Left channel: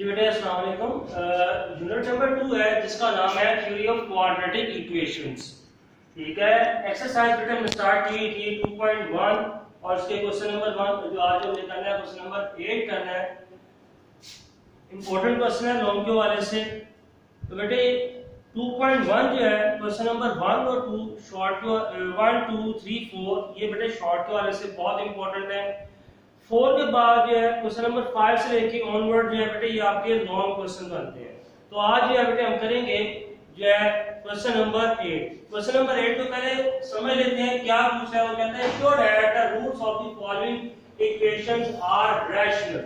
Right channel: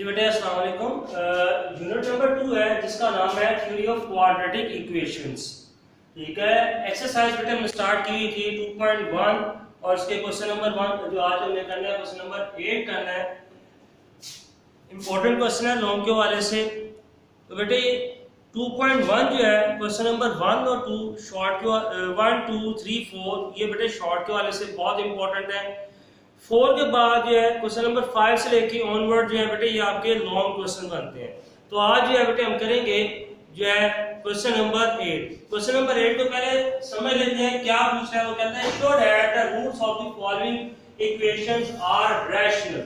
जी बेटे अस्सलाम वालेकुम। यूनिट नंबर 2 है जिसका नाम है थ्योरी ऑफ क्वाड्रेटिक इक्वेशंस। ठीक है, एक्सरसाइज बेटे हमने स्टार्ट की थी 2.1 और उसके क्वेश्चन नंबर 1 जो आज हमें करना है क्वेश्चन नंबर 8 करना है। इंपॉर्टेंट क्वेश्चन है लॉन्ग के हवाले से। तो बेटे 2.1 जो है क्वेश्चन नंबर 1 और 2 शॉर्ट के 1 2 3 4 ये बेटे शॉर्ट के हवाले से बहुत इंपॉर्टेंट है। 4 के बाद जो है क्वेश्चन नंबर 5 से लेके ऑनवर्ड जो है बेटे ये आपके लॉन्ग क्वेश्चन बनते हैं। तो आज जो है बेटे हम करेंगे जो है क्वेश्चन नंबर 8। क्वेश्चन नंबर 8 को पहले समझ लेते हैं क्या पूछ रहा है। वो कहता है show that the roots of the following equations are rational.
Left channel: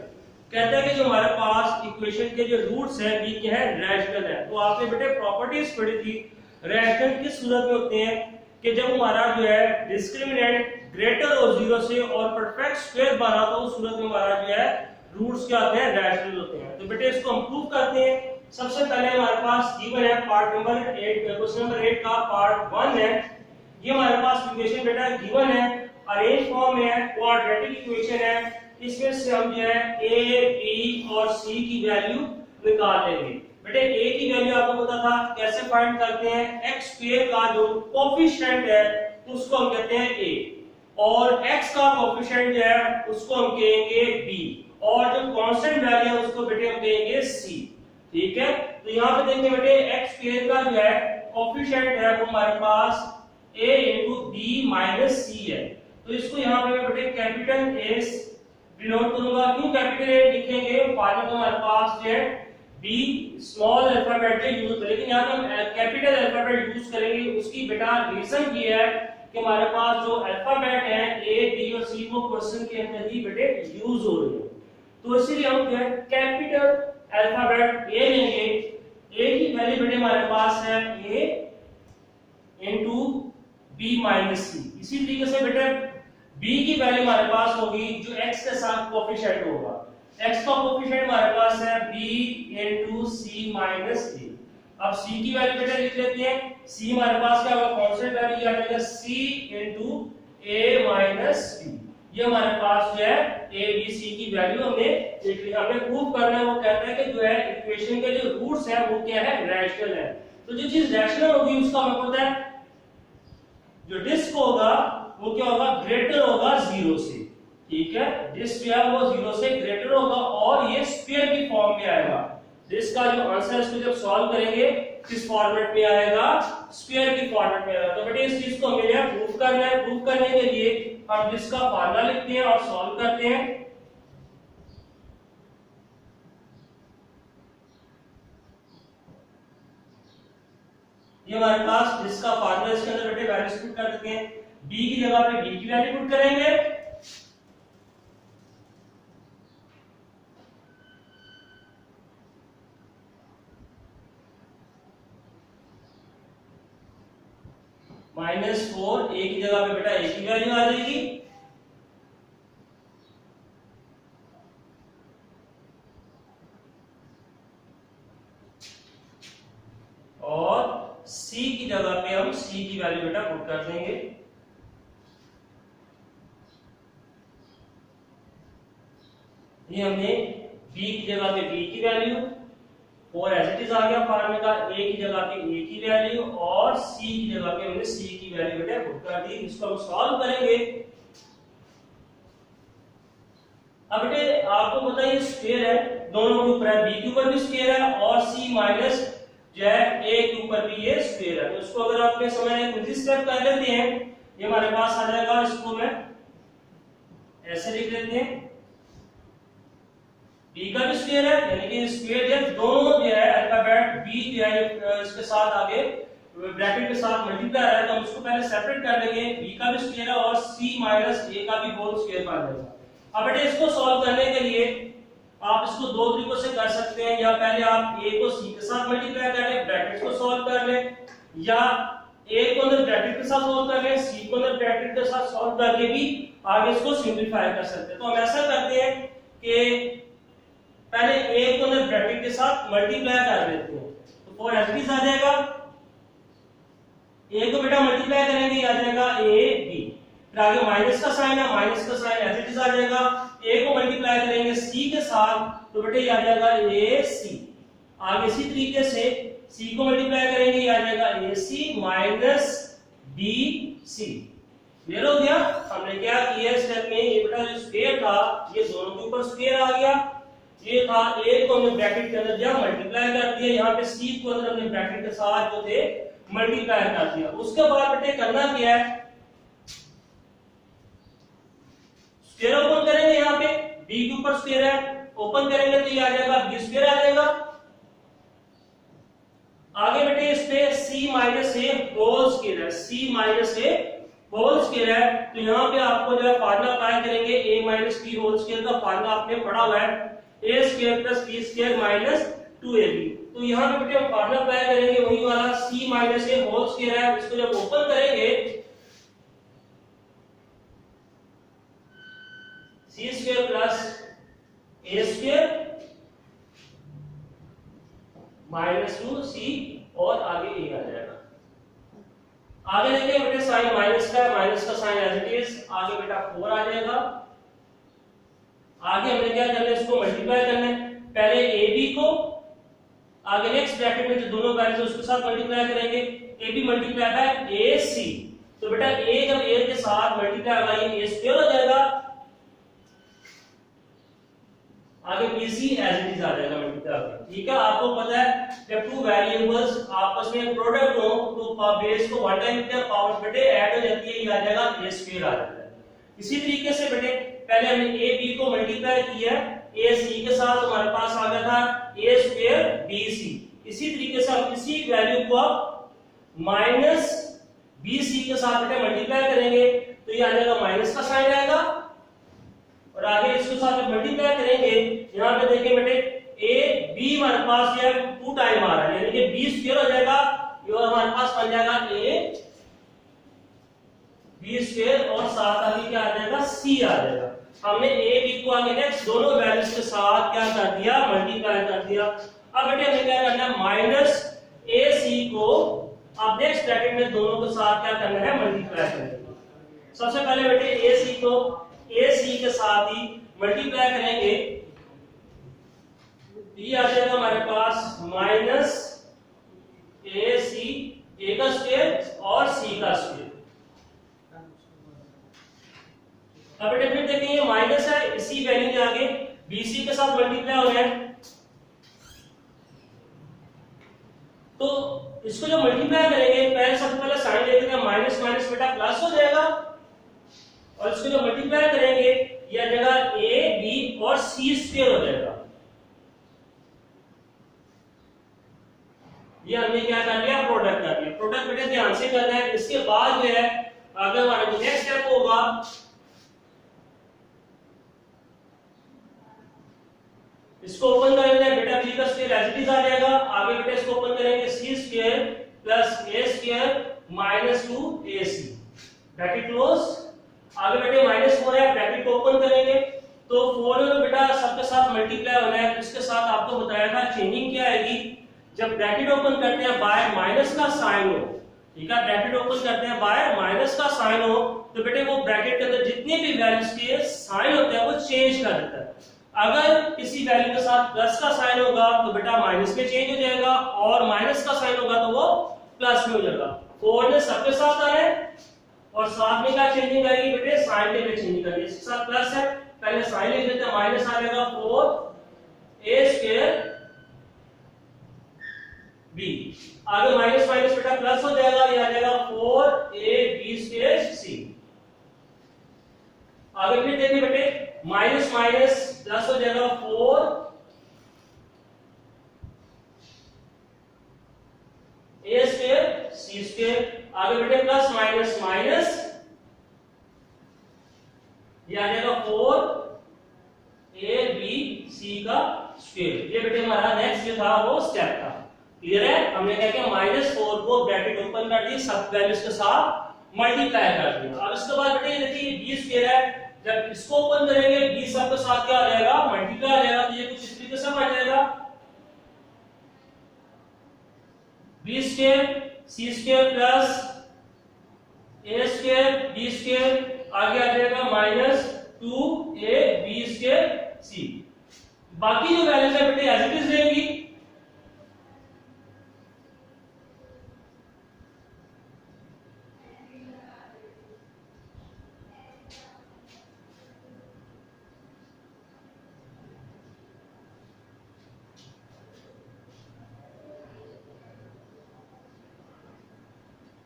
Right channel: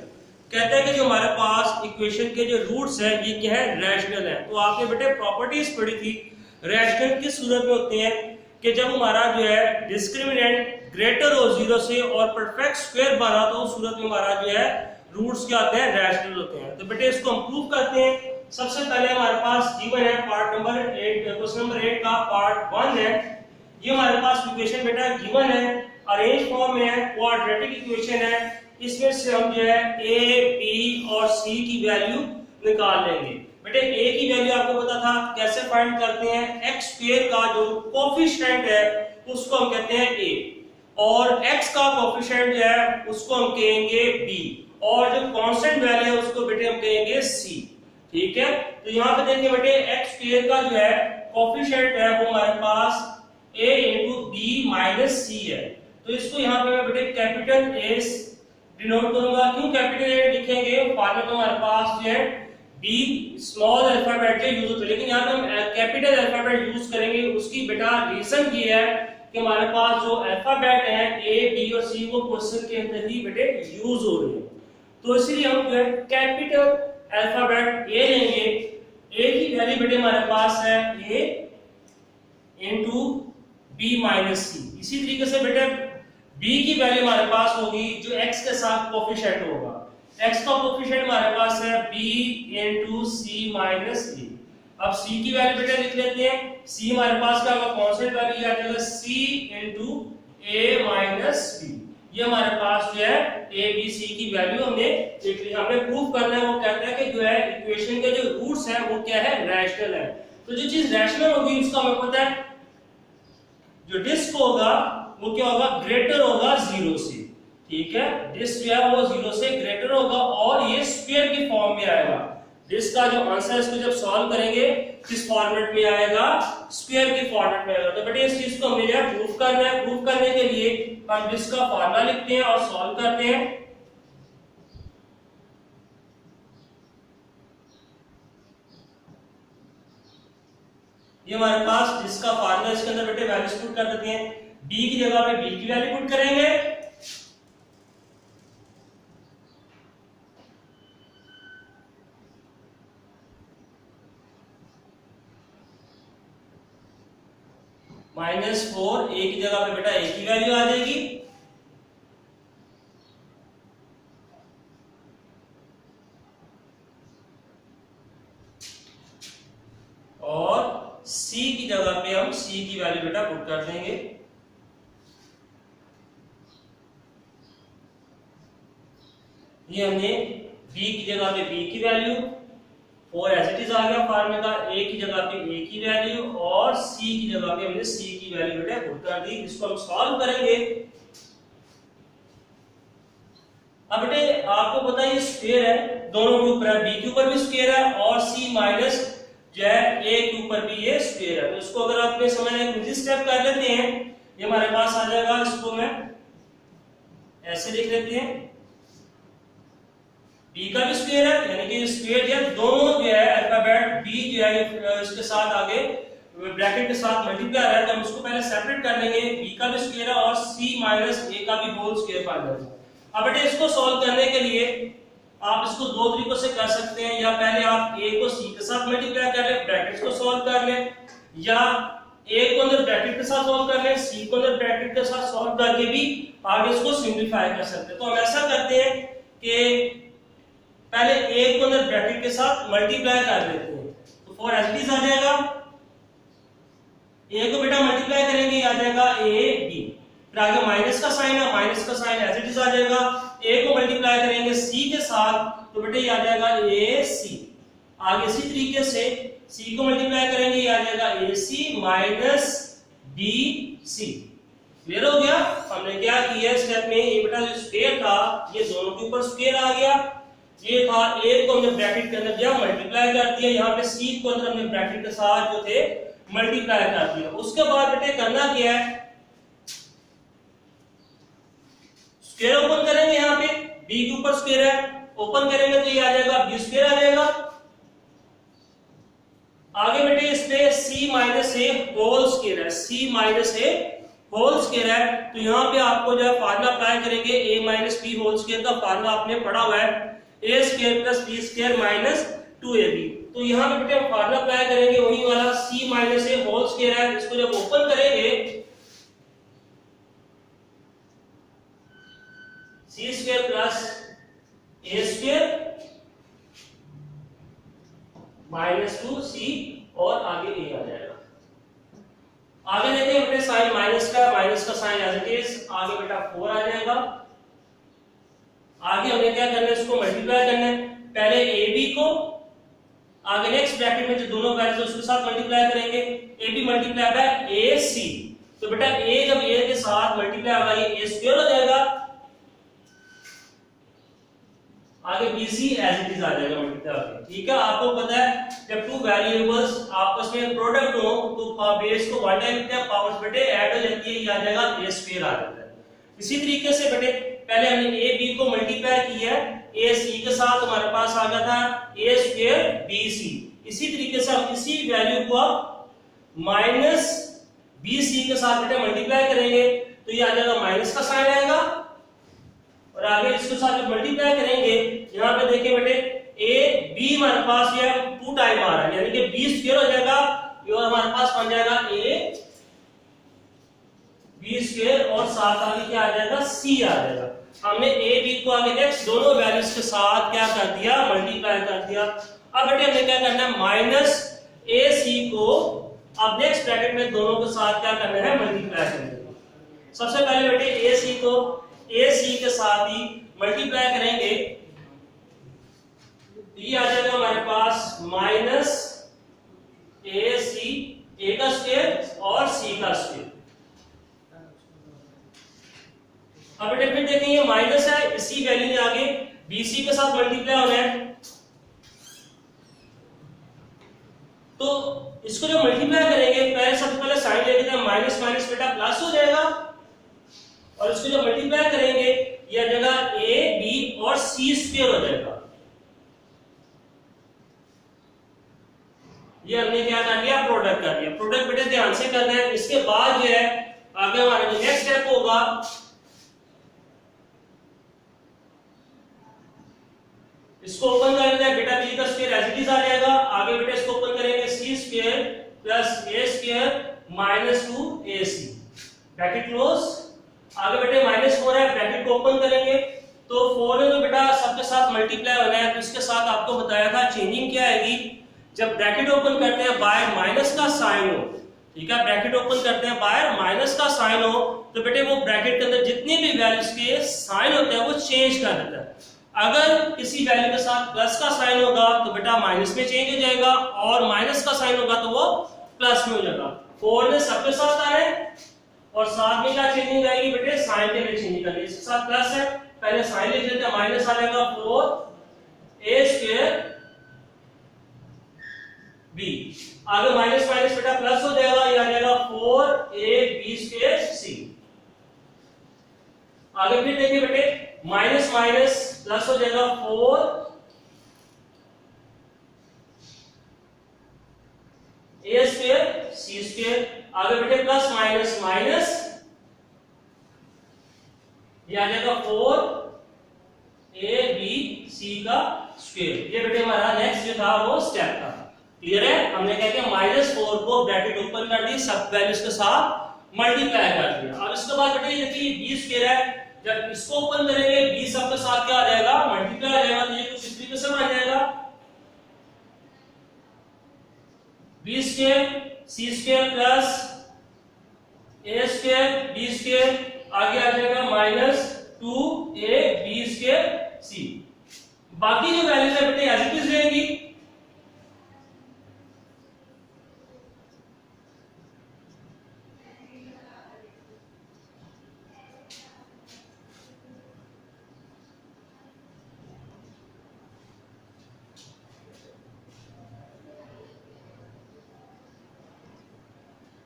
कहता है कि जो हमारे पास इक्वेशन के जो रूट्स हैं ये क्या है, रैशनल है। तो आपने बेटे प्रॉपर्टीज पढ़ी थी रैशनल किस सूरत में होते हैं कि जब हमारा जो है डिस्क्रिमिनेंट ग्रेटर हो 0 से और परफेक्ट स्क्वायर बना तो उस सूरत में हमारा जो है रूट्स क्या होते हैं, रैशनल होते हैं। तो बेटे इसको हम प्रूव करते हैं। सबसे पहले हमारे पास गिवन है पार्ट नंबर 8 क्वेश्चन नंबर 8 का पार्ट 1 है। ये हमारे पास इक्वेशन बेटा गिवन है, अरेंज फॉर्म में है, क्वाड्रेटिक इक्वेशन है। इसमें से हम जो है a b और c की वैल्यू निकाल लेंगे। बेटे a की वैल्यू आपको पता था कैसे फाइंड करते हैं, x स्क्वायर का जो कोएफिशिएंट है उसको हम कहते हैं a और x का कोएफिशिएंट जो है उसको हम कहेंगे b और जो कांस्टेंट वैल्यू है उसको बेटे हम कहेंगे c। ठीक है, तो यहां पे देखिए बेटे x स्क्वायर का जो है कोएफिशिएंट है वो हमारे पास a b - c है। तो इसको यहां पे मैं बेटे कैपिटल A डिनोट करूंगा। क्यों कैपिटल A लिखेंगे, फॉर्मूला में हमारे पास जो है b स्मॉल अल्फाबेट जो यूज होता है, लेकिन यहां पे हम कैपिटल अल्फाबेट यूज करेंगे। उसकी बेटा रीजन ये है कि हमारे पास जो अल्फाबेट है a b और c वो क्वेश्चन के अंदर ही बेटे यूज हो रहे हैं। तो इसीलिए हम जो है कैपिटल अल्फाबेट a लेंगे। a की वैल्यू बेटे हमारे पास है a into b - c। इसी तरीके से बेटे b की वैल्यू हमारे पास होगी जो x के साथ कोएफिशिएंट होगा। x का कोएफिशिएंट हमारे पास है b into c - a। अब c की वैल्यू बेटा लिख लेते हैं। c हमारे पास क्या होगा, कांस्टेंट वैल्यू आ जाएगा c into a - b। ये हमारे पास जो है a b c की वैल्यू हमने लिख ली। हमने प्रूव करना है। वो कहता है कि जो है इक्वेशन के जो रूट्स है वो क्या है, रैशनल है। तो जो चीज रैशनल होगी उसका हमें पता है जो डिस्क होगा वो क्या होगा, ग्रेटर होगा 0 से। ठीक है, डिस्क जो है वो 0 से ग्रेटर होगा और ये स्क्वायर की फॉर्म में आएगा। डिस्क का जो आंसर है इसको जब सॉल्व करेंगे किस फॉर्मेट में आएगा, स्क्वायर की फॉर्मेट में आएगा। तो बेटे इस चीज को हमें जो है प्रूव करना है। प्रूव करने के लिए हम डिस्क का फार्मूला लिखते हैं और सॉल्व करते हैं। ये हमारे पास डिस्क का फार्मूला, इसके अंदर बेटे वैल्यूज पुट कर देते हैं। b की जगह पे b की वैल्यू पुट करेंगे -4। a की जगह पे बेटा a की वैल्यू आ जाएगी और c की जगह पे हम c की वैल्यू बेटा पुट कर देंगे। ये हमने b की जगह पे b की वैल्यू, 4 एज इट इज आ गया फार्मूले का, a की जगह पे a की वैल्यू और c की जगह पे हमने c की वैल्यू बेटा पुट कर दी। इसको हम सॉल्व करेंगे। अब बेटे आपको पता है ये स्क्वायर है, दोनों के ऊपर है, b के ऊपर भी स्क्वायर है और c माइनस जो है a के ऊपर भी ये स्क्वायर है। तो इसको अगर आपने समझना है इजी स्टेप कर लेते हैं, ये हमारे पास आ जाएगा। इसको मैं ऐसे लिख लेते हैं, b का भी स्क्वायर है यानी कि स्क्वायर जब दोनों जो है अल्फाबेट b जो है इसके साथ आगे ब्रैकेट के साथ मल्टीप्लाई आ रहा है तो हम इसको पहले सेपरेट कर लेंगे। b का भी स्क्वायर है और c - a का भी होल स्क्वायर बन जाएगा। अब बेटे इसको सॉल्व करने के लिए आप इसको दो तरीकों से कर सकते हैं। या पहले आप a को c के साथ मल्टीप्लाई कर लें, ब्रैकेट्स को सॉल्व कर लें, या a को अंदर ब्रैकेट के साथ सॉल्व कर लें, c को अंदर ब्रैकेट के साथ सॉल्व करके भी आप इसको सिंपलीफाई कर सकते हैं। तो हम ऐसा करते हैं कि पहले a को अंदर ब्रैकेट के साथ मल्टीप्लाई कर लेते हैं। तो 4 एज इट इज आ जाएगा। a को बेटा मल्टीप्लाई करेंगे आ जाएगा a b, फिर आगे माइनस का साइन है, माइनस का साइन एज इट इज आ जाएगा। ए को मल्टीप्लाई करेंगे सी के साथ तो बेटे ये आ जाएगा ए सी। आगे इसी तरीके से सी को मल्टीप्लाई करेंगे ये आ जाएगा ए सी माइनस बी सी। क्लियर हो गया। हमने क्या किया स्टेप में, ये बेटा जो स्क्वायर था ये दोनों के ऊपर स्क्वायर आ गया, ये था ए को हमने ब्रैकेट के अंदर दिया मल्टीप्लाई कर दिया, यहाँ पे सी को अंदर हमने ब्रैकेट के साथ जो थे मल्टीप्लाई कर दिया। उसके बाद बेटे करना क्या है, स्क्वायर ओपन करेंगे, यहाँ पे बी के ऊपर स्क्वायर है ओपन करेंगे तो ये आ जाएगा बी स्क्वायर आ जाएगा। आगे बेटे इस पे c minus a whole square है, c minus a whole square है तो यहाँ पे आपको जो फार्मूला अप्लाई करेंगे a minus b whole square का फार्मूला आपने पढ़ा हुआ है a square plus b square minus 2ab। तो यहाँ पे बेटे हम फार्मूला अप्लाई करेंगे वही वाला c minus a whole square है, इसको जब ओपन करेंगे c square plus a square minus 2c और आगे a आ जाएगा। आगे देखिए बेटे साइन माइनस का साइन एज इट इज, आगे बेटा 4 आ जाएगा। आगे हमने क्या करना है, इसको मल्टीप्लाई करना है, पहले ab को आगे नेक्स्ट ब्रैकेट में जो दोनों वैल्यूज है उसके साथ मल्टीप्लाई करेंगे, ab मल्टीप्लाई बाय ac। तो बेटा a जब a के साथ मल्टीप्लाई होगा ये a स्क्वायर हो जाएगा, आगे BC एज इट इज आ जाएगा मल्टीप्लाई होकर। ठीक है, आपको पता है जब टू वेरिएबल्स आपस में प्रोडक्ट हो तो बेस को 1 टाइम क्या पावर्स बेटे ऐड हो जाती है, ये आ जाएगा a स्क्वायर आ जाता है। इसी तरीके से बेटे पहले हमने a b को मल्टीप्लाई किया है, a c के साथ हमारे पास आ गया था a स्क्वायर bc। इसी तरीके से हम इसी वैल्यू को माइनस bc के साथ बेटे मल्टीप्लाई करेंगे तो ये आ जाएगा माइनस का साइन आएगा, और आगे इसके साथ जब मल्टीप्लाई करेंगे यहाँ पे देखिए बेटे a b हमारे पास ये 2 टाइम आ रहा है यानी कि b स्क्वायर हो जाएगा और हमारे पास बन जाएगा a b स्क्वायर और साथ आगे क्या आ जाएगा c आ जाएगा। हमने a b को आगे नेक्स्ट दोनों वैल्यूज के साथ क्या कर दिया मल्टीप्लाई कर दिया। अब बेटे हमें क्या करना है माइनस ac को अब नेक्स्ट ब्रैकेट में दोनों के साथ क्या करना है मल्टीप्लाई करेंगे। सबसे पहले बेटे ac को AC के साथ ही मल्टीप्लाई करेंगे, ये आ जाएगा हमारे पास माइनस AC A का स्क्वायर और C का स्क्वायर। अब बेटे फिर देखेंगे माइनस है, इसी वैल्यू के आगे BC के साथ मल्टीप्लाई हो गया तो इसको जो मल्टीप्लाई करेंगे पहले सबसे पहले साइन ले लेते हैं, माइनस माइनस बेटा प्लस हो जाएगा और इसको जो मल्टीप्लाई करेंगे ये आ जाएगा a b और c स्क्वायर हो जाएगा। ये हमने क्या कर दिया प्रोडक्ट कर दिया। प्रोडक्ट बेटे ध्यान से करना है। इसके बाद जो है आगे हमारा जो नेक्स्ट स्टेप होगा इसको ओपन करेंगे बेटा b का स्क्वायर एज इट इज आ जाएगा, आगे बेटा इसको ओपन करेंगे c square plus a square minus 2ac bracket close. आगे बेटे -4 है ब्रैकेट को ओपन करेंगे तो 4 में बेटा सबके साथ मल्टीप्लाई होना है तो इसके साथ आपको बताया था चेंजिंग क्या आएगी जब ब्रैकेट ओपन करते हैं बाहर माइनस का साइन हो। ठीक है, ब्रैकेट ओपन करते हैं बाहर माइनस का साइन हो तो बेटे वो ब्रैकेट के अंदर जितने भी वैल्यूज के साइन होते हैं वो चेंज कर देता है। अगर किसी वैल्यू के साथ प्लस का साइन होगा तो बेटा माइनस में चेंज हो जाएगा और माइनस का साइन होगा तो वो प्लस में हो जाएगा। 4 ने सबके साथ आ रहे हैं और साथ में क्या चेंजिंग आएगी बेटे साइन के लिए चेंजिंग करनी है। इसके साथ प्लस है पहले साइन लिख लेते हैं, माइनस आ जाएगा 4a स्क्वायर b, आगे माइनस माइनस बेटा प्लस हो जाएगा ये आ जाएगा 4ab स्क्वायर c। आगे फिर देखिए बेटे माइनस माइनस प्लस हो जाएगा 4a स्क्वायर c स्क्वायर, आगे बेटे प्लस माइनस माइनस ये आ जाएगा 4abc का स्क्वायर। ये बेटे हमारा नेक्स्ट जो था वो स्टेप था। क्लियर है, हमने क्या किया -4 को ब्रैकेट ओपन कर दी सब वैल्यूज के साथ मल्टीप्लाई कर दिया। अब इसके बाद बेटे देखिए b स्क्वायर है, जब इसको ओपन करेंगे b सब के साथ क्या आ जाएगा मल्टीप्लाई आ जाएगा तो ये कुछ इस तरीके से बन जाएगा b square c square plus a square b square, आगे आ जाएगा माइनस 2ab²c। बाकी जो वैल्यूज है बेटे एज इट इज रहेगी।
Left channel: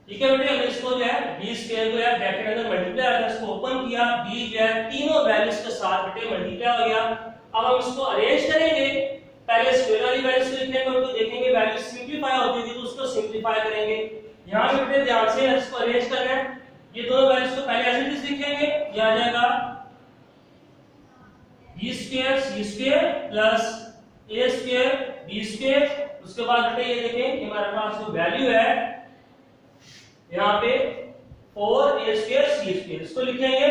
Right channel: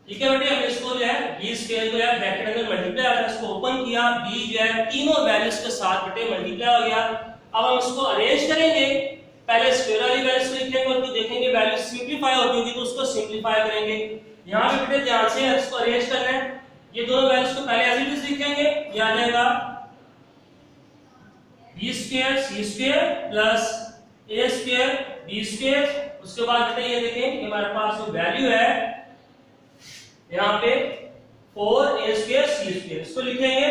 ठीक है बेटे, हमने इसको जो है b स्क्वायर को यार ब्रैकेट अंदर मल्टीप्लाई आता है, इसको ओपन किया, b जो है तीनों वैल्यूज के साथ बेटे मल्टीप्लाई हो गया। अब हम इसको अरेंज करेंगे, पहले स्क्वायर वाली वैल्यूज को लिखेंगे और फिर देखेंगे वैल्यू सिंपलीफाई होती होगी तो उसको सिंपलीफाई करेंगे। यहां पे बेटे ध्यान से इसको अरेंज करना है, ये दोनों वैल्यूज को पहले एज इट इज लिखेंगे, ये आ जाएगा b square c square plus a square b square. उसके बाद बेटे ये देखें हमारे पास जो वैल्यू है यहाँ पे 4a स्क्वायर c स्क्वायर, इसको लिखेंगे।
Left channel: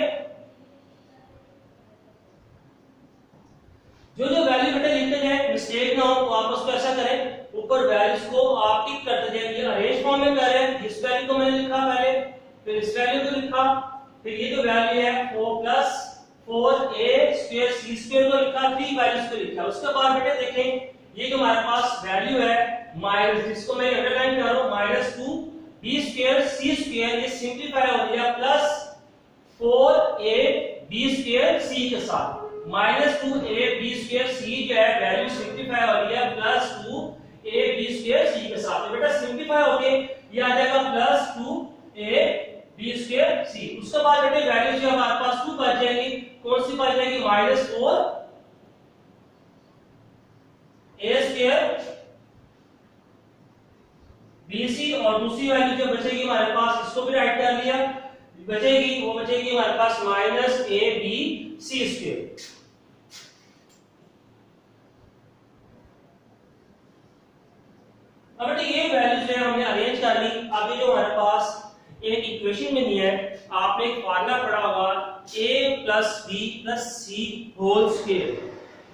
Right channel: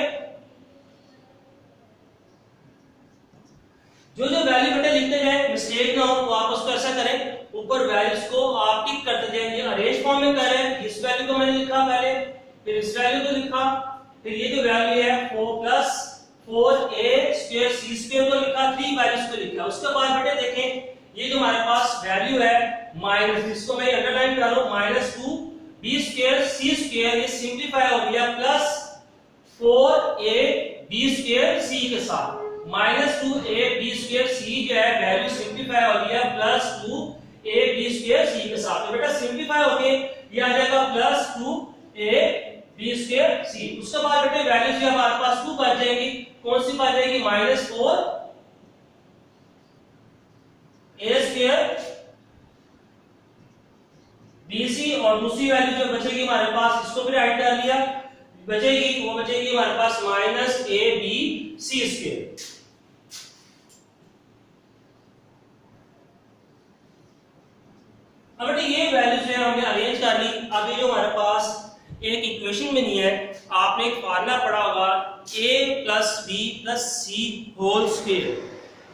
जो जो वैल्यू बेटे लिखते जाए मिस्टेक ना हो तो आप उसको ऐसा करें, ऊपर वैल्यूज को आप टिक करते जाइए। अरेंज फॉर्म में कर रहे हैं, इस वैल्यू को मैंने लिखा पहले, फिर इस वैल्यू को लिखा, फिर ये जो वैल्यू है 4 plus 4a square c square को लिखा, 3 वैल्यूज को लिखा। उसके बाद बेटे देखें ये जो हमारे पास वैल्यू है माइनस, जिसको मैं अंडरलाइन कर रहा हूं, minus 2b square c square, ये सिंपलीफाई हो गया प्लस 4ab स्क्वायर c के साथ, माइनस 2ab स्क्वायर c जो है वैल्यू सिंपलीफाई हो गया प्लस 2ab स्क्वायर c के साथ। तो बेटा सिंपलीफाई होके ये आ जाएगा प्लस 2ab स्क्वायर c। उसके बाद बेटे वैल्यू जो हमारे पास 2 बच जाएगी, कौन सी बच जाएगी, माइनस 4a स्क्वायर bc, और दूसरी वैल्यू जो बचेगी हमारे पास, इसको भी राइट कर लिया, बचेगी वो बचेगी हमारे पास माइनस abc स्क्वायर। अब बेटे ये वैल्यूज है हमने अरेंज कर ली। अब ये जो हमारे पास एक इक्वेशन में नहीं है, आपने एक फार्मूला पढ़ा होगा a plus b plus c whole square,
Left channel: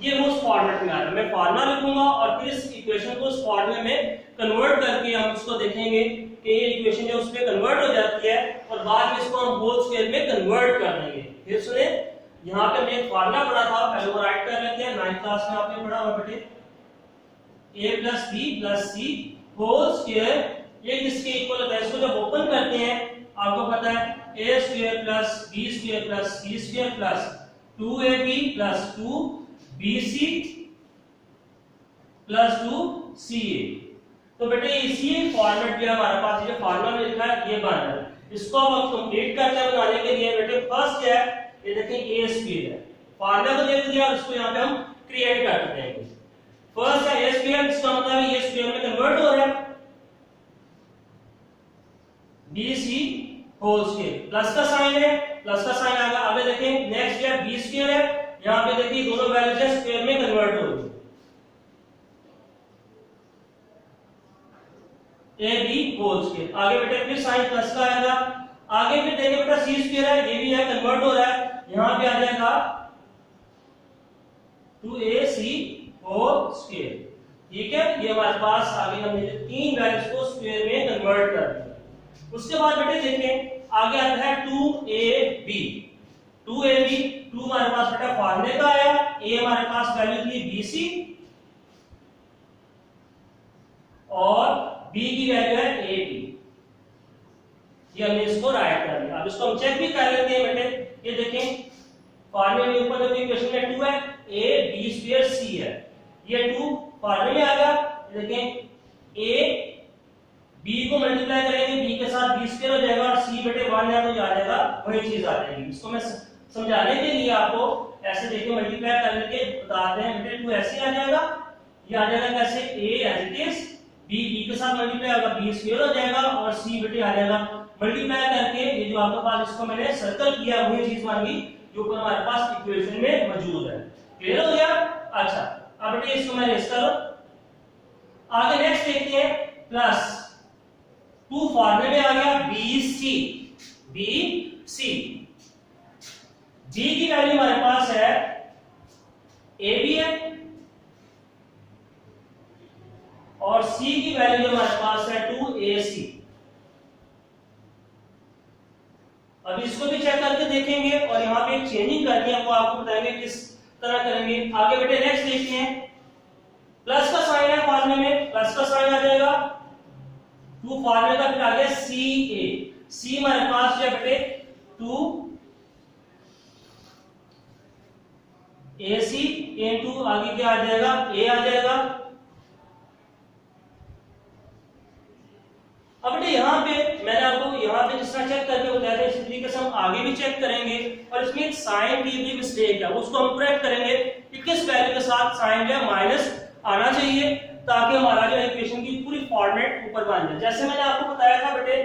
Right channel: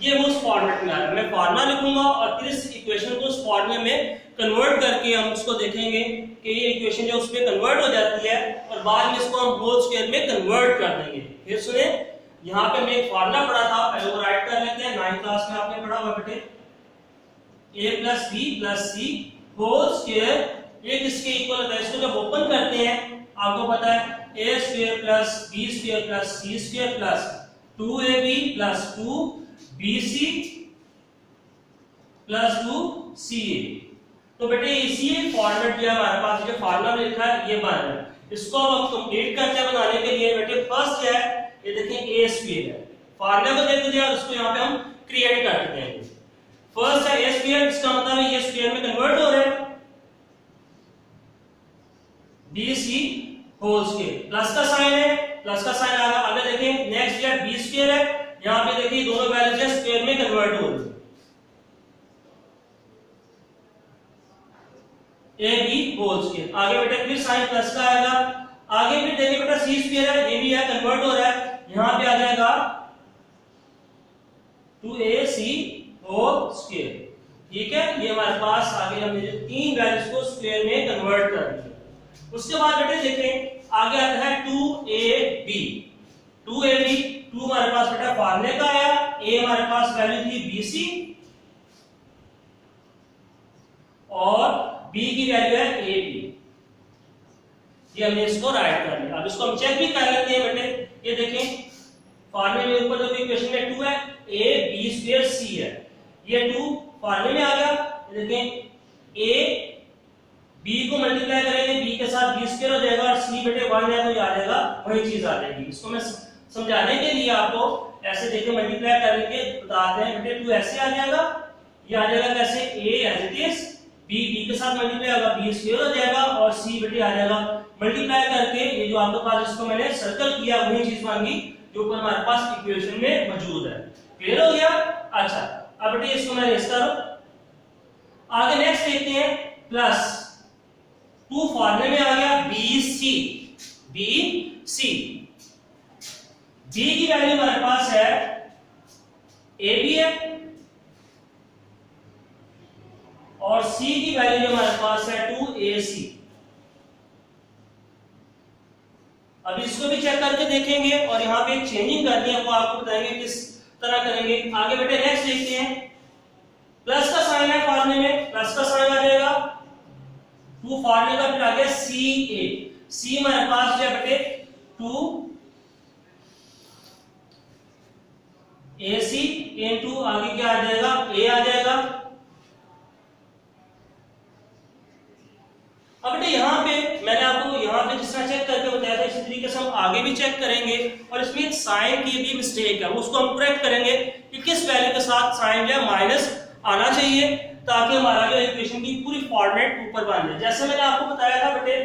ये वो उस फॉर्मेट में आ रहा है। मैं फार्मूला लिखूंगा और फिर इस इक्वेशन को उस फॉर्मूले में कन्वर्ट करके हम उसको देखेंगे कि ये इक्वेशन जो उसमें कन्वर्ट हो जाती है और बाद में इसको हम होल स्क्वायर में कन्वर्ट कर देंगे। फिर सुने, यहाँ पे हमने एक फार्मूला पढ़ा था, पहले वो राइट कर लेते हैं। 9th क्लास में आपने पढ़ा होगा बेटे, a plus b plus c whole square, ये किसके इक्वल होता है, इसको जब ओपन करते हैं आपको पता है a square plus b square plus c square plus 2ab plus 2bc plus 2ca। तो बेटे इसी फॉर्मेट जो हमारे पास जो फार्मूला में लिखा है ये बन रहा है। इसको हम कंप्लीट करते हैं बनाने के लिए बेटे, फर्स्ट है ये देखें a स्क्वायर है, फार्मूला को देख दिया और इसको यहाँ पे हम क्रिएट कर देते हैं। फर्स्ट है a स्क्वायर, इसका मतलब है ये स्क्वायर में कन्वर्ट हो रहा है, bc होल स्क्वायर, प्लस का साइन है, प्लस का साइन आएगा। आगे देखें नेक्स्ट है b स्क्वायर है, यहाँ पे देखिए दोनों वैल्यूज है स्क्वायर में कन्वर्ट हो रही है, ab होल स्क्वायर। आगे बेटे फिर साइन प्लस का आएगा, आगे फिर देखिए बेटा c स्क्वायर है, ये भी है कन्वर्ट हो रहा है, यहाँ पे आ जाएगा 2ac होल स्क्वायर। ठीक है, ये हमारे पास आगे हमने जो तीन वैल्यूज को स्क्वायर में कन्वर्ट कर दिया। उसके बाद बेटे देखें आगे आता है 2ab, 2 हमारे पास बेटा फार्मूले का आया, a हमारे पास वैल्यू थी bc और b की वैल्यू है ab, ये हमने इसको राइट कर लिया। अब इसको हम चेक भी कर लेते हैं बेटे, ये देखें फार्मूले में ऊपर जो इक्वेशन में 2 है, a b स्क्वायर c है, ये 2 फार्मूले में आ गया। ये देखें a b को मल्टीप्लाई करेंगे b के साथ b स्क्वायर हो जाएगा और c बेटे 1 है तो ये आ जाएगा वही चीज आ जाएगी। इसको मैं समझाने के लिए आपको ऐसे देखिए मल्टीप्लाई करने के बताते हैं बेटे, 2 ऐसे आ जाएगा, ये आ जाएगा कैसे, a as it is, b के साथ मल्टीप्लाई होगा b स्क्वायर हो जाएगा और c बेटे आ जाएगा मल्टीप्लाई करके, ये जो आपके पास इसको मैंने सर्कल किया वही चीज मांगी जो ऊपर हमारे पास इक्वेशन में मौजूद है। क्लियर हो गया? अच्छा, अब बेटे इसको मैं रेस करो, आगे नेक्स्ट देखते हैं, प्लस 2 फॉर्मूले में आ गया BC, B की वैल्यू हमारे पास है AB है और C की वैल्यू हमारे पास है 2AC। अभी इसको भी चेक करके देखेंगे और यहाँ पे चेंजिंग करनी है, वो आपको बताएंगे किस तरह करेंगे। आगे बेटे नेक्स्ट देखते हैं, प्लस का साइन है फॉर्मूले में, प्लस का साइन आ जाएगा, टू फॉर्मूले का फिर आ गया सी ए, सी हमारे पास है बेटे 2 AC इनटू आगे क्या आ जाएगा, ए आ जाएगा। अब बेटे यहाँ पे मैंने आपको यहाँ पे जिस तरह चेक करके बताया था, इसी तरीके से हम आगे भी चेक करेंगे और इसमें एक साइन की भी मिस्टेक है, उसको हम करेक्ट करेंगे कि किस वैल्यू के साथ साइन जो है माइनस आना चाहिए, ताकि हमारा जो इक्वेशन की पूरी फॉर्मेट ऊपर बन जाए। जैसे मैंने आपको बताया था बेटे,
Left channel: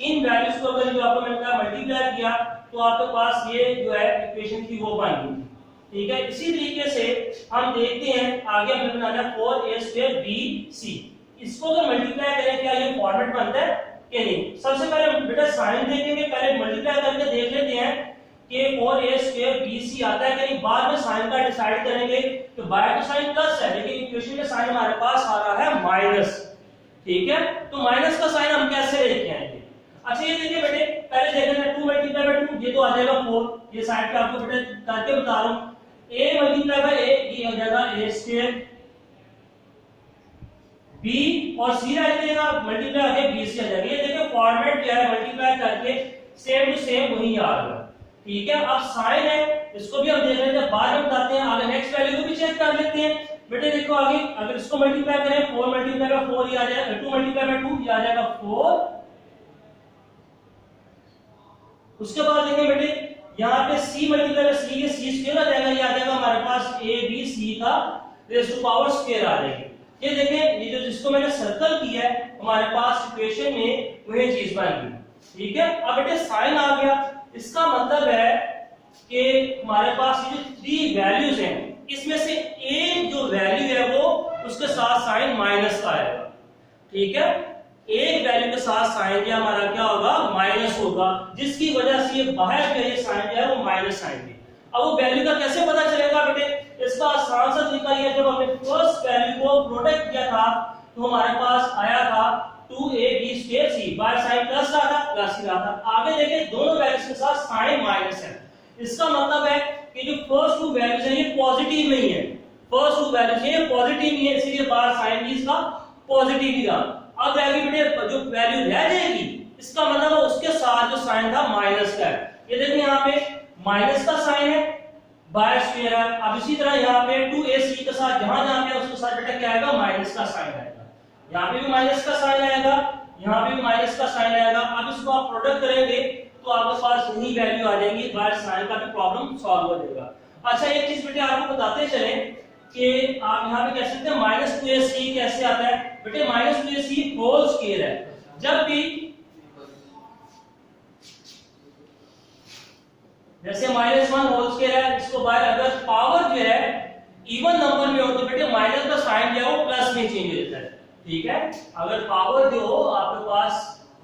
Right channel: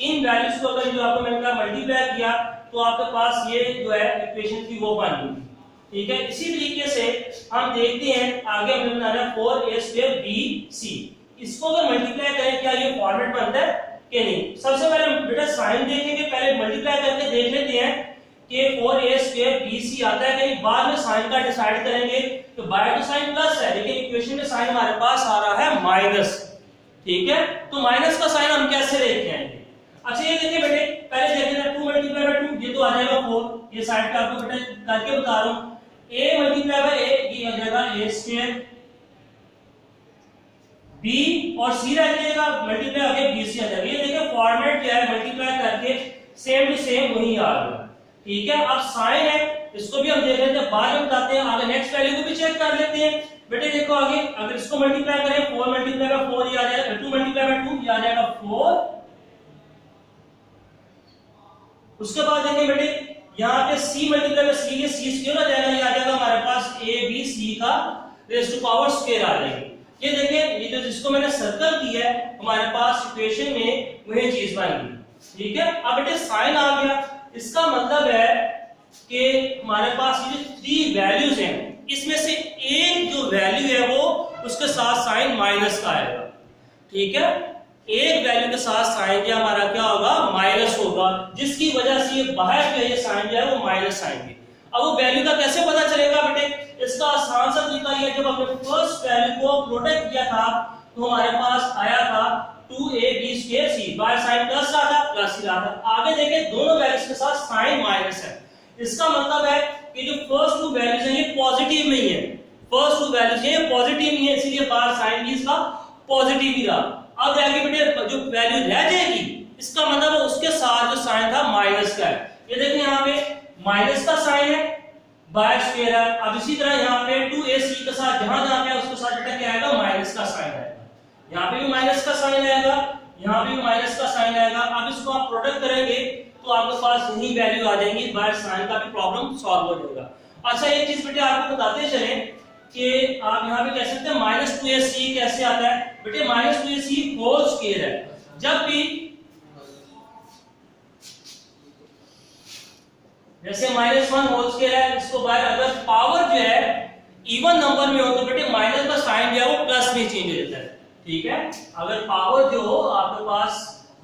इन वैल्यूज को अगर जो आपको मैंने कहा मल्टीप्लाई किया तो आपके पास ये जो है इक्वेशन की वो बन गई, ठीक है। इसी तरीके से हम देखते हैं आगे हमने बनाया 4a²bc, इसको अगर मल्टीप्लाई करें क्या ये फॉर्मेट बनता है कि नहीं। सबसे पहले बेटा साइन देखेंगे, पहले मल्टीप्लाई करके देख लेते हैं कि 4a²bc आता है कि नहीं, बाद में साइन का डिसाइड करेंगे। तो बाय तो साइन प्लस है लेकिन इक्वेशन में साइन हमारे पास आ रहा है माइनस, ठीक है। तो माइनस का साइन हम कैसे लेके आएंगे। अच्छा ये देखिए बेटे, पहले देखें ना 2 मल्टीप्लाई बाय 2 ये तो आ जाएगा 4, ये साइड पे आपको बेटा करके बता रहा हूं। a मल्टीप्लाई बाय a ये आ जाएगा a², b और c रह जाएगा, मल्टीप्लाई आगे bc आ जाएगा। ये देखिए फॉर्मेट जो है मल्टीप्लाई करके सेम टू सेम वही आ गया, ठीक है। अब साइन है, इसको भी हम देख लेते हैं, बाद में बताते हैं। आगे नेक्स्ट वैल्यू को भी चेक कर लेते हैं बेटे। देखो आगे अगर इसको मल्टीप्लाई करें 4 मल्टीप्लाई बाय 4 ये आ जाएगा, 2 मल्टीप्लाई बाय 2 ये आ जाएगा 4। उसके बाद देखें बेटे यहाँ पे c मल्टीप्लाई बाय c, ये c² आ जाएगा, ये आ जाएगा हमारे पास abc का रेज़ टू पावर स्क्वायर आ जाएगी। ये देखिए ये जो जिसको मैंने सर्कल किया है हमारे पास इक्वेशन में वही चीज बन गई, ठीक है। अब बेटे साइन आ गया, इसका मतलब है कि हमारे पास ये जो 3 वैल्यूज हैं इसमें से एक जो वैल्यू है वो उसके साथ साइन माइनस का आएगा, ठीक है। एक वैल्यू के साथ साइन क्या हमारा क्या होगा, माइनस होगा, जिसकी वजह से ये बाहर जो ये साइन जो है वो माइनस आएंगे। अब वो वैल्यू का कैसे पता चलेगा बेटे, इसका आसान सा तरीका ये, जब हमने फर्स्ट वैल्यू को प्रोडक्ट किया था तो हमारे पास आया था 2ab²c, बाय साइन प्लस रहा था प्लस ही रहा था। आगे देखें दोनों वैल्यूज के साथ साइन माइनस है, इसका मतलब है कि जो फर्स्ट 2 वैल्यूज हैं ये पॉजिटिव नहीं है, फर्स्ट 2 वैल्यूज हैं ये पॉजिटिव नहीं है, इसलिए बाहर साइन भी इसका पॉजिटिव ही रहा। अब आगे बेटे जो वैल्यू रह जाएगी इसका मतलब है उसके साथ जो साइन था माइनस का है। ये देखिए यहाँ पे माइनस का साइन है, बाय स्क्वायर है। अब इसी तरह यहाँ पे 2ac के साथ जहां जहां पे उसके साथ बेटा क्या आएगा, माइनस का साइन आएगा। यहाँ पे भी माइनस का साइन आएगा, यहाँ पे भी माइनस का साइन आएगा। अब इसको आप प्रोडक्ट करेंगे तो आपके पास यही वैल्यू आ जाएंगी, बाय साइन का भी प्रॉब्लम सॉल्व हो जाएगा। अच्छा एक चीज बेटे आपको बताते चले कि आप यहाँ पे कह सकते हैं -2ac कैसे आता है बेटे, -2ac होल स्क्वायर है। जब भी जैसे -1 होल स्क्वायर है, इसको बाहर अगर पावर जो है इवन नंबर में हो तो बेटे माइनस का साइन जो है वो प्लस में चेंज हो जाता है, ठीक है। अगर पावर जो हो आपके पास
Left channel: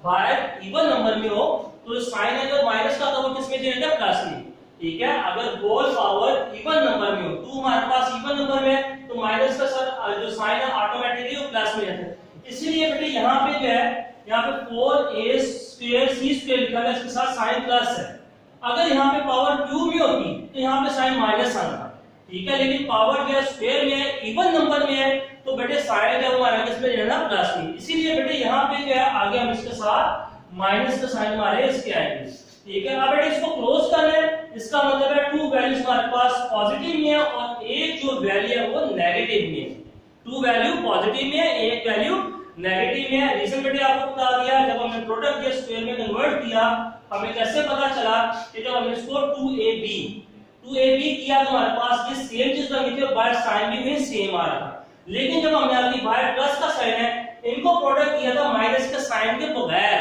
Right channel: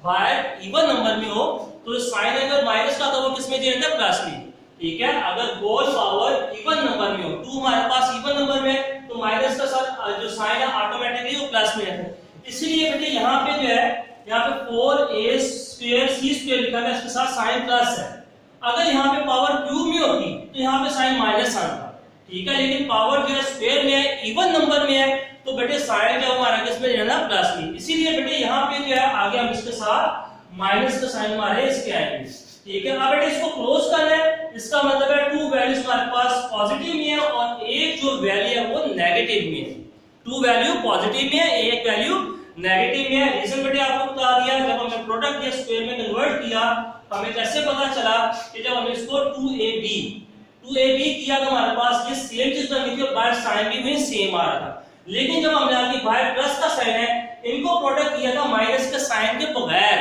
बाहर इवन नंबर में हो तो साइन अगर माइनस का तो वो किस में चेंज होता है, प्लस में, ठीक है। अगर होल पावर इवन नंबर में हो, 2 हमारे पास इवन नंबर में तो माइनस का साथ जो साइन है ऑटोमेटिकली वो प्लस में रहता है। इसीलिए बेटे यहाँ पे जो है यहाँ पे 4a²c² लिखा है, इसके साथ साइन प्लस है। अगर यहाँ पे पावर क्यूब में होती तो यहाँ पे साइन माइनस आता, ठीक है। लेकिन पावर जो है स्क्वायर में है, इवन नंबर में है, तो बेटे साइन जो हमारा किसमें रहना, प्लस में। इसीलिए बेटे यहाँ पे जो है आगे हम इसके साथ माइनस का साइन हमारे इसके आएंगे, ठीक है। अब बेटे इसको क्लोज करना है, इसका मतलब है 2 वैल्यूज हमारे पास पॉजिटिव में है और एक जो वैल्यू है वो नेगेटिव में है। 2 वैल्यू पॉजिटिव में है, एक वैल्यू नेगेटिव में है। रीजन बेटे आपको बता दिया, जब हमने प्रोडक्ट या स्क्वायर में कन्वर्ट किया हमें कैसे पता चला कि जब हमने इसको 2ab किया तो हमारे पास ये सेम चीज बन गई थी और बाहर साइन भी में सेम आ रहा था। लेकिन जब हमने आपकी बाहर प्लस का साइन है, इनको प्रोडक्ट किया था माइनस के साइन के बगैर,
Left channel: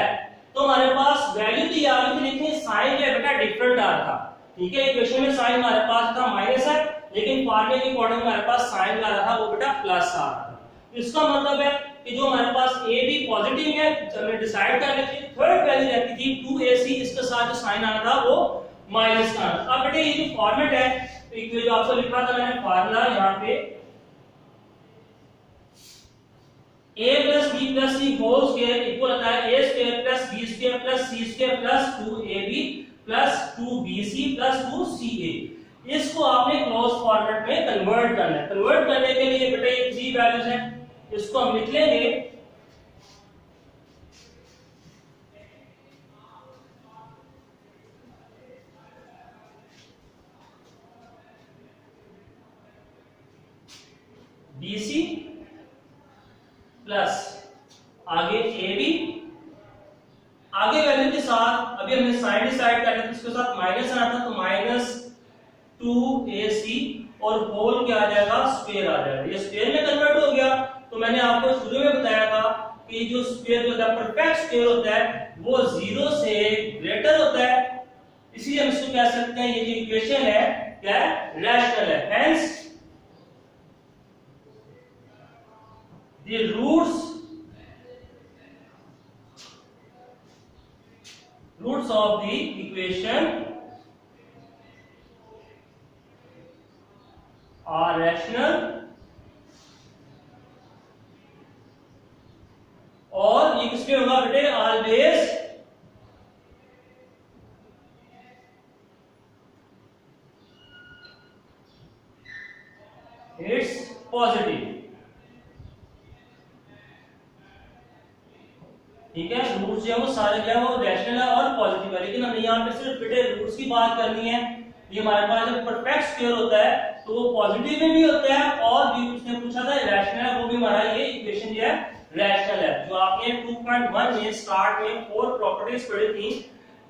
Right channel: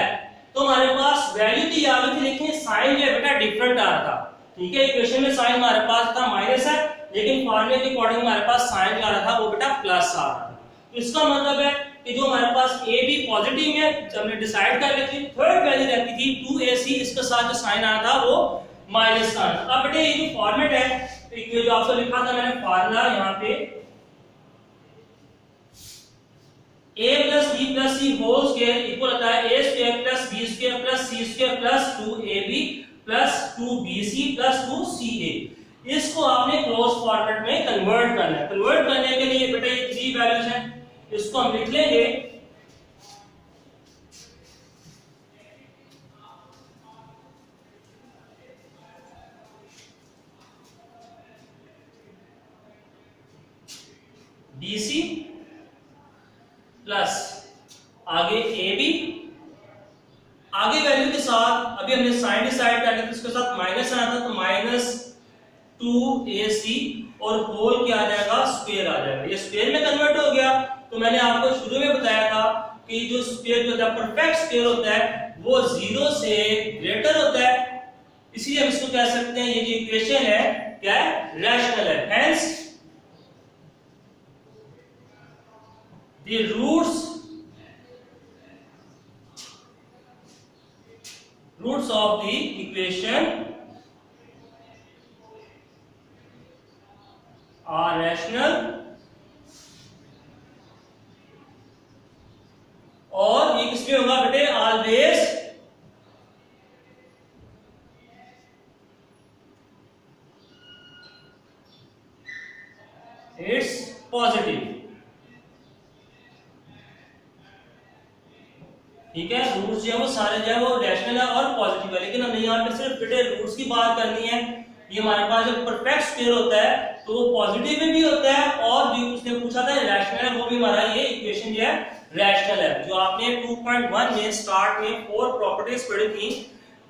तो हमारे पास वैल्यू भी आ गई थी लेकिन साइन जो है बेटा डिफरेंट आ रहा था, ठीक है। इक्वेशन में साइन हमारे पास था माइनस है, लेकिन फॉर्मूले के अकॉर्डिंग हमारे पास साइन आ रहा था वो बेटा प्लस आ रहा था। तो इसका मतलब है कि जो हमारे पास a भी पॉजिटिव में है, हमने डिसाइड कर लेते थे। थर्ड वैल्यू रहती थी 2ac, इसके साथ जो साइन आना था वो माइनस का। अब बेटे ये जो फॉर्मेट है जो आपको लिखा था मैंने फार्मूला यहाँ पे a + b + c whole square equal होता है a² + b² + C square plus 2ab plus 2bc plus 2ca। इसको आपने क्लोज फॉर्मेट में कन्वर्ट करना है। कन्वर्ट करने के लिए बेटा ये 3 वैल्यूज हैं, इसको हम लिख लेंगे BC प्लस आगे AB, आगे वैल्यू के साथ अभी हमने साइन डिसाइड करना है तो इसके साथ माइनस आना था, तो माइनस 2AC और होल क्या आ जाएगा, स्क्वायर आ जाएगा। ये स्क्वायर में कन्वर्ट हो गया। तो मैंने आपको शुरू में बताया था कि जो स्क्वायर होता है, परफेक्ट स्क्वायर होता है, वो 0 से ग्रेटर होता है, इसलिए हम इसको कह सकते हैं ये जो इक्वेशन है क्या है, रैशनल है। Hence the roots of the equation are rational, और ये किसमें होगा बेटे, ऑलवेज इट्स पॉजिटिव। ठीक है, रूट्स जो है वो सारे जो है वो रैशनल है और पॉजिटिव है, लेकिन हमें यहाँ पे सिर्फ बेटे रूट्स की बात करनी है। ये हमारे पास जब परफेक्ट स्क्वायर होता है तो वो पॉजिटिव में भी होता है, और जो उसने पूछा था रैशनल है, वो भी हमारा ये इक्वेशन जो है रैशनल है। जो आपने 2.1 में स्टार्ट में 4 प्रॉपर्टीज पढ़ी थी,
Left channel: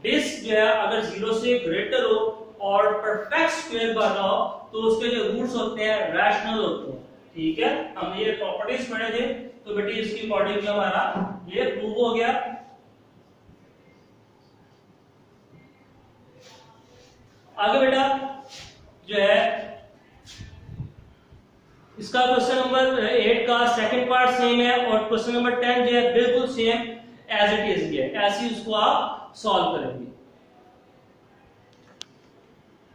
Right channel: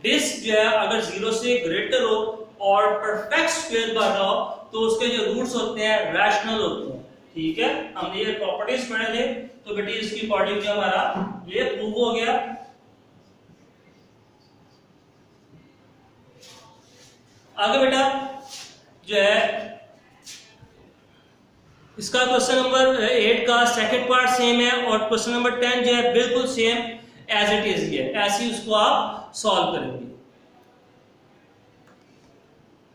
डिस्क जो है अगर 0 से ग्रेटर हो और परफेक्ट स्क्वायर बन रहा हो तो उसके जो रूट्स होते हैं रैशनल होते हैं। ठीक है, हमने ये प्रॉपर्टीज पढ़े थे, तो बेटे इसकी अकॉर्डिंग जो हमारा ये प्रूव हो गया। आगे बेटा जो है इसका क्वेश्चन नंबर 8 का सेकंड पार्ट सेम है, और क्वेश्चन नंबर 10 जो है बिल्कुल सेम एज इट इज है, ऐसे ही उसको आप सॉल्व करेंगे।